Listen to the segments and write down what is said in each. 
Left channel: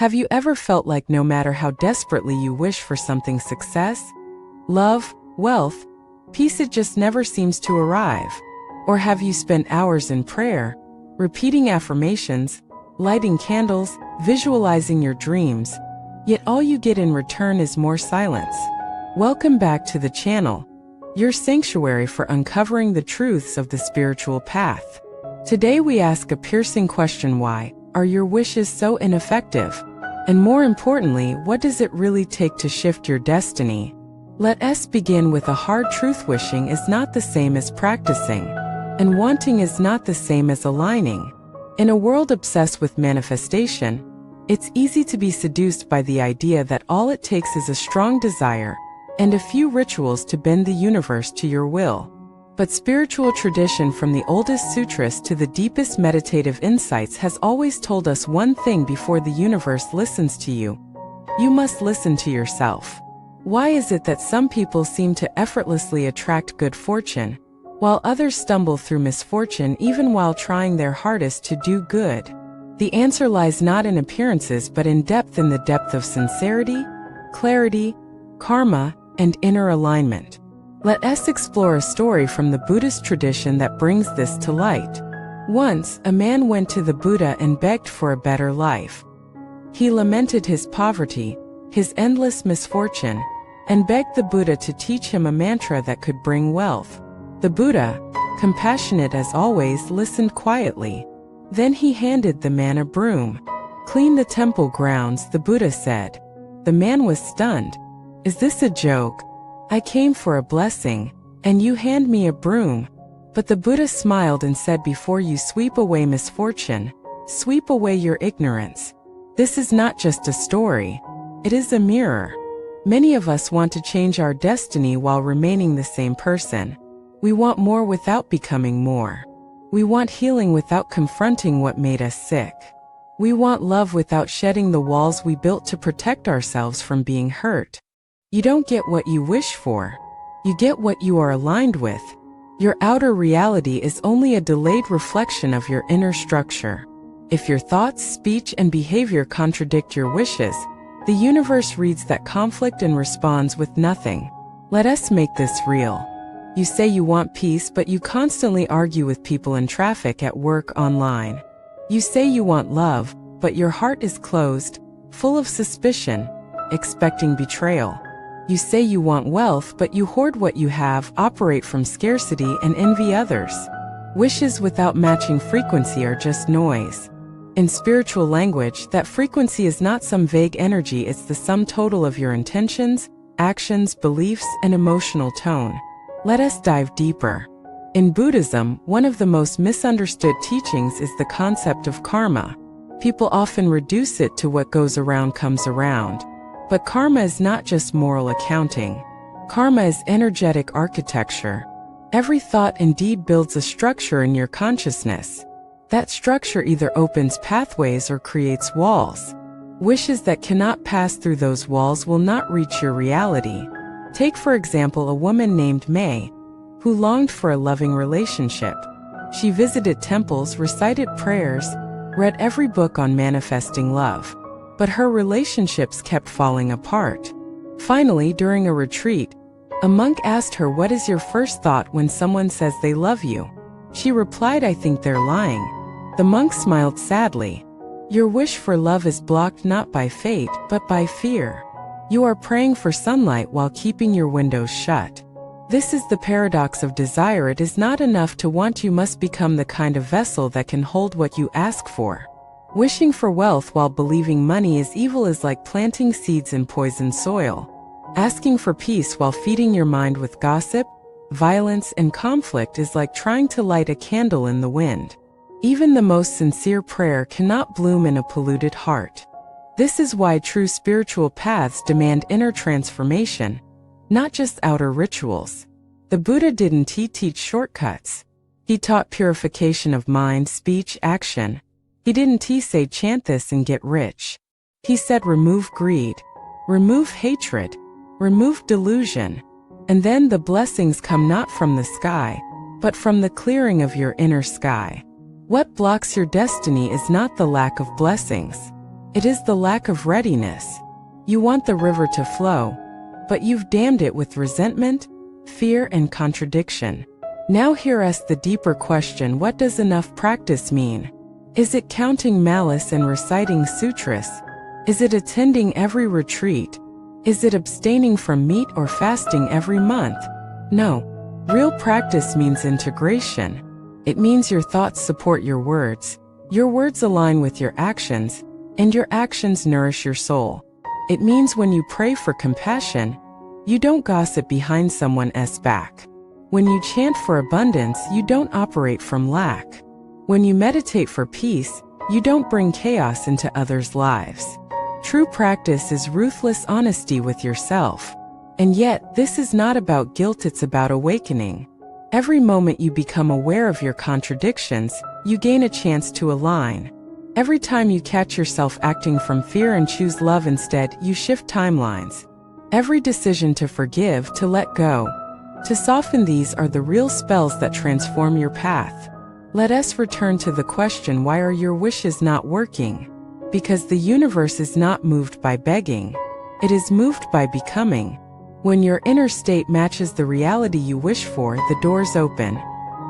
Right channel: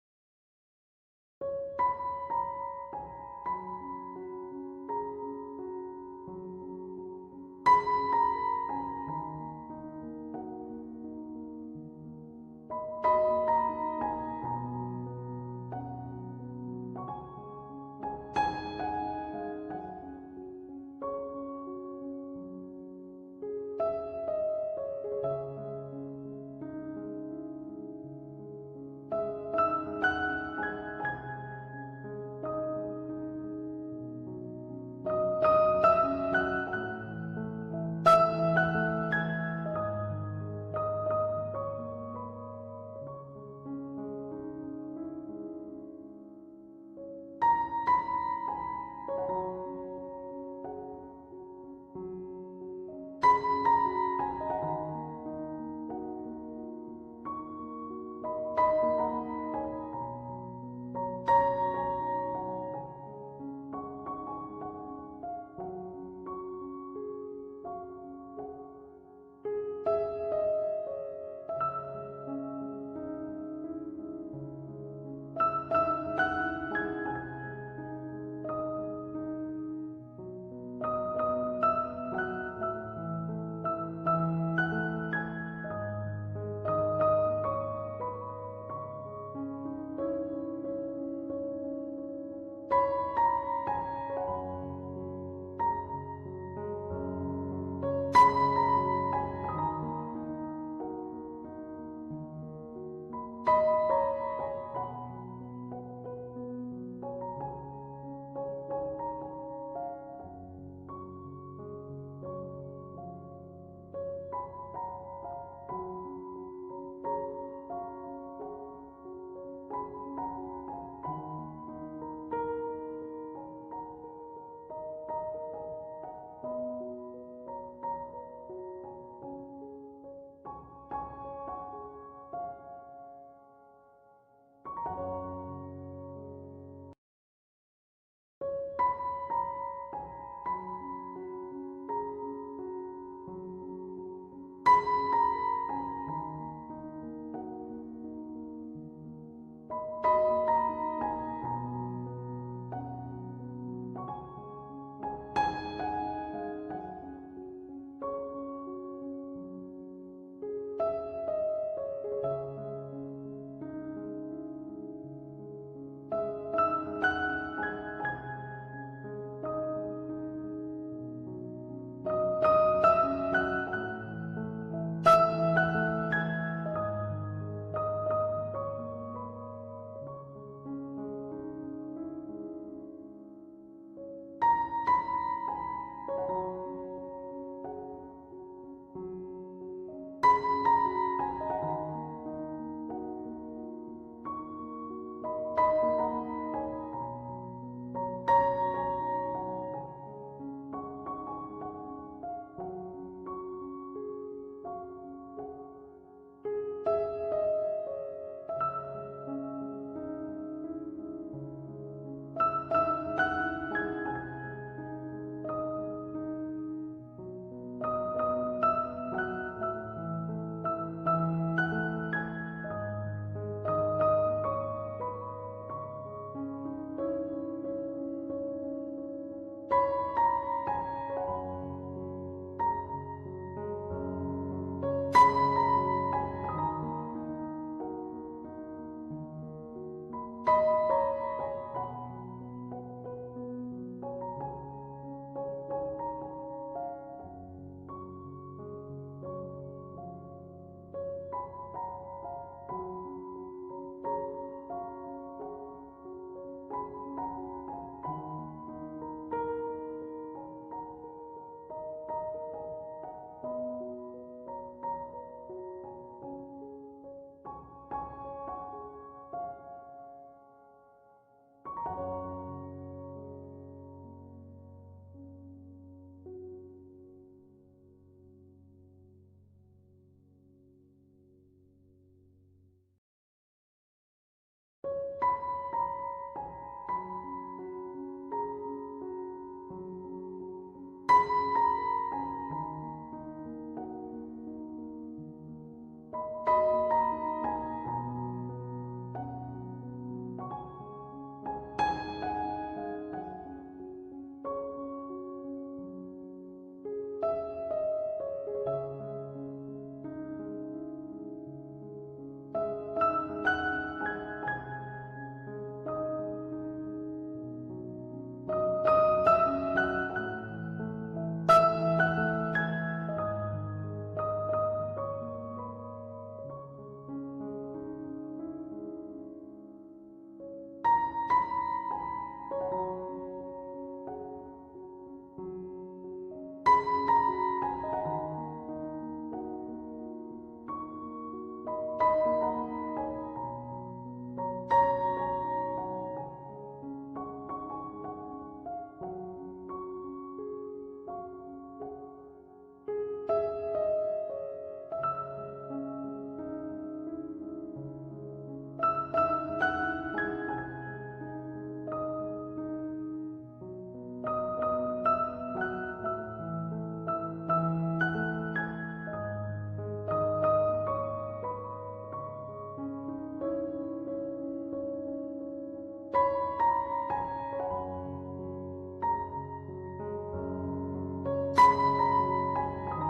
Have you ever felt like no matter how desperately you wish for something, success, love, wealth, peace, it just never seems to arrive? Or have you spent hours in prayer, repeating affirmations, lighting candles, visualizing your dreams, yet all you get in return is more silence? Welcome back to the channel, your sanctuary for uncovering the truths of the spiritual path. Today we ask a piercing question: why are your wishes so ineffective? And more importantly, what does it really take to shift your destiny? Let us begin with a hard truth: wishing is not the same as practicing, and wanting is not the same as aligning. In a world obsessed with manifestation, it's easy to be seduced by the idea that all it takes is a strong desire and a few rituals to bend the universe to your will. But spiritual tradition, from the oldest sutras to the deepest meditative insights, has always told us one thing: before the universe listens to you, you must listen to yourself. Why is it that some people seem to effortlessly attract good fortune, while others stumble through misfortune even while trying their hardest to do good? The answer lies not in appearances but in depth the depth of sincerity, clarity, karma, and inner alignment. Let us explore a story from the Buddhist tradition that brings this to light. Once, a man went to the Buddha and begged for a better life. He lamented his poverty, his endless misfortune, and begged the Buddha to teach him a mantra that could bring wealth. The Buddha, compassionate as always, listened quietly. Then he handed the man a broom. "Clean the temple grounds," the Buddha said. The man was stunned. "Is this a joke? I came for a blessing, and you hand me a broom?" But the Buddha smiled and said, "Before you sweep away misfortune, sweep away your ignorance." This is not just a story, it is a mirror. Many of us want to change our destiny while remaining the same person. We want more without becoming more. We want healing without confronting what made us sick. We want love without shedding the walls we built to protect ourselves from being hurt. You don't get what you wish for. You get what you are aligned with. Your outer reality is only a delayed reflection of your inner structure. If your thoughts, speech, and behavior contradict your wishes, the universe reads that conflict and responds with nothing. Let us make this real. You say you want peace, but you constantly argue with people in traffic, at work, online. You say you want love, but your heart is closed, full of suspicion, expecting betrayal. You say you want wealth, but you hoard what you have, operate from scarcity, and envy others. Wishes without matching frequency are just noise. In spiritual language, that frequency is not some vague energy, it's the sum total of your intentions, actions, beliefs, and emotional tone. Let us dive deeper. In Buddhism, one of the most misunderstood teachings is the concept of karma. People often reduce it to what goes around comes around. But karma is not just moral accounting. Karma is energetic architecture. Every thought and deed builds a structure in your consciousness. That structure either opens pathways or creates walls. Wishes that cannot pass through those walls will not reach your reality. Take, for example, a woman named May, who longed for a loving relationship. She visited temples, recited prayers, read every book on manifesting love. But her relationships kept falling apart. Finally, during a retreat, a monk asked her, "What is your first thought when someone says they love you?" She replied, "I think they're lying." The monk smiled sadly. "Your wish for love is blocked not by fate, but by fear. You are praying for sunlight while keeping your windows shut." This is the paradox of desire. It is not enough to want, you must become the kind of vessel that can hold what you ask for. Wishing for wealth while believing money is evil is like planting seeds in poisoned soil. Asking for peace while feeding your mind with gossip, violence, and conflict is like trying to light a candle in the wind. Even the most sincere prayer cannot bloom in a polluted heart. This is why true spiritual paths demand inner transformation, not just outer rituals. The Buddha didn't teach shortcuts. He taught purification of mind, speech, action. He didn't say chant this and get rich. He said remove greed, remove hatred, remove delusion, and then the blessings come not from the sky, but from the clearing of your inner sky. What blocks your destiny is not the lack of blessings. It is the lack of readiness. You want the river to flow, but you've dammed it with resentment, fear, and contradiction. Now here asks the deeper question: what does enough practice mean? Is it counting malice and reciting sutras? Is it attending every retreat? Is it abstaining from meat or fasting every month? No. Real practice means integration. It means your thoughts support your words align with your actions, and your actions nourish your soul. It means when you pray for compassion, you don't gossip behind someone else's back. When you chant for abundance, you don't operate from lack. When you meditate for peace, you don't bring chaos into others' lives. True practice is ruthless honesty with yourself. And yet, this is not about guilt, it's about awakening. Every moment you become aware of your contradictions, you gain a chance to align. Every time you catch yourself acting from fear and choose love instead, you shift timelines. Every decision to forgive, to let go, to soften, these are the real spells that transform your path. Let us return to the question: why are your wishes not working? Because the universe is not moved by begging. It is moved by becoming. When your inner state matches the reality you wish for, the doors open.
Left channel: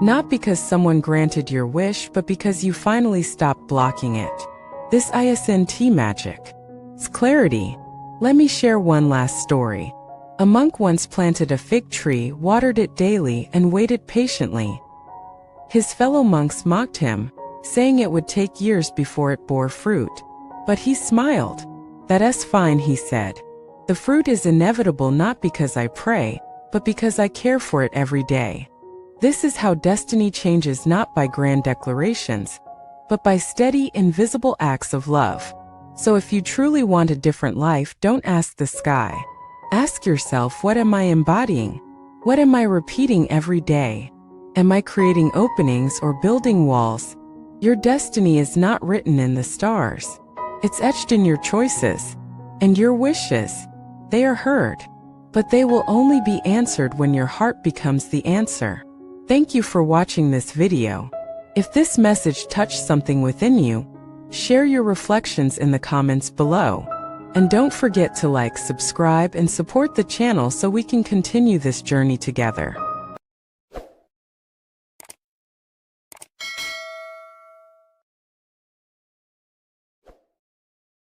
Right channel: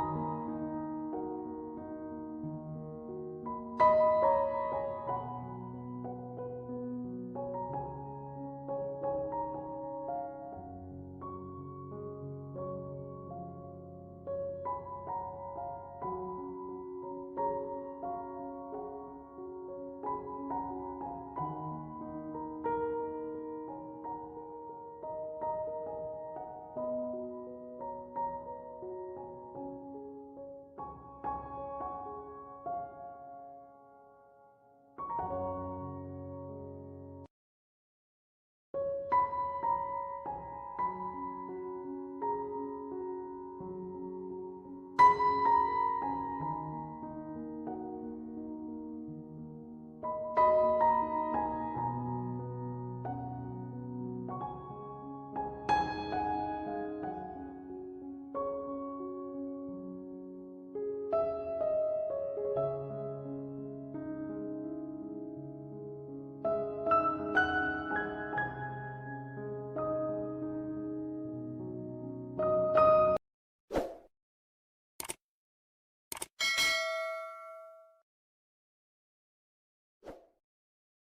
Not because someone granted your wish, but because you finally stopped blocking it. This isn't magic. It's clarity. Let me share one last story. A monk once planted a fig tree, watered it daily, and waited patiently. His fellow monks mocked him, saying it would take years before it bore fruit. But he smiled. "That's fine," he said. "The fruit is inevitable, not because I pray, but because I care for it every day." This is how destiny changes, not by grand declarations, but by steady, invisible acts of love. So if you truly want a different life, don't ask the sky. Ask yourself, what am I embodying? What am I repeating every day? Am I creating openings or building walls? Your destiny is not written in the stars. It's etched in your choices. And your wishes, they are heard. But they will only be answered when your heart becomes the answer. Thank you for watching this video. If this message touched something within you, share your reflections in the comments below. And don't forget to like, subscribe, and support the channel so we can continue this journey together.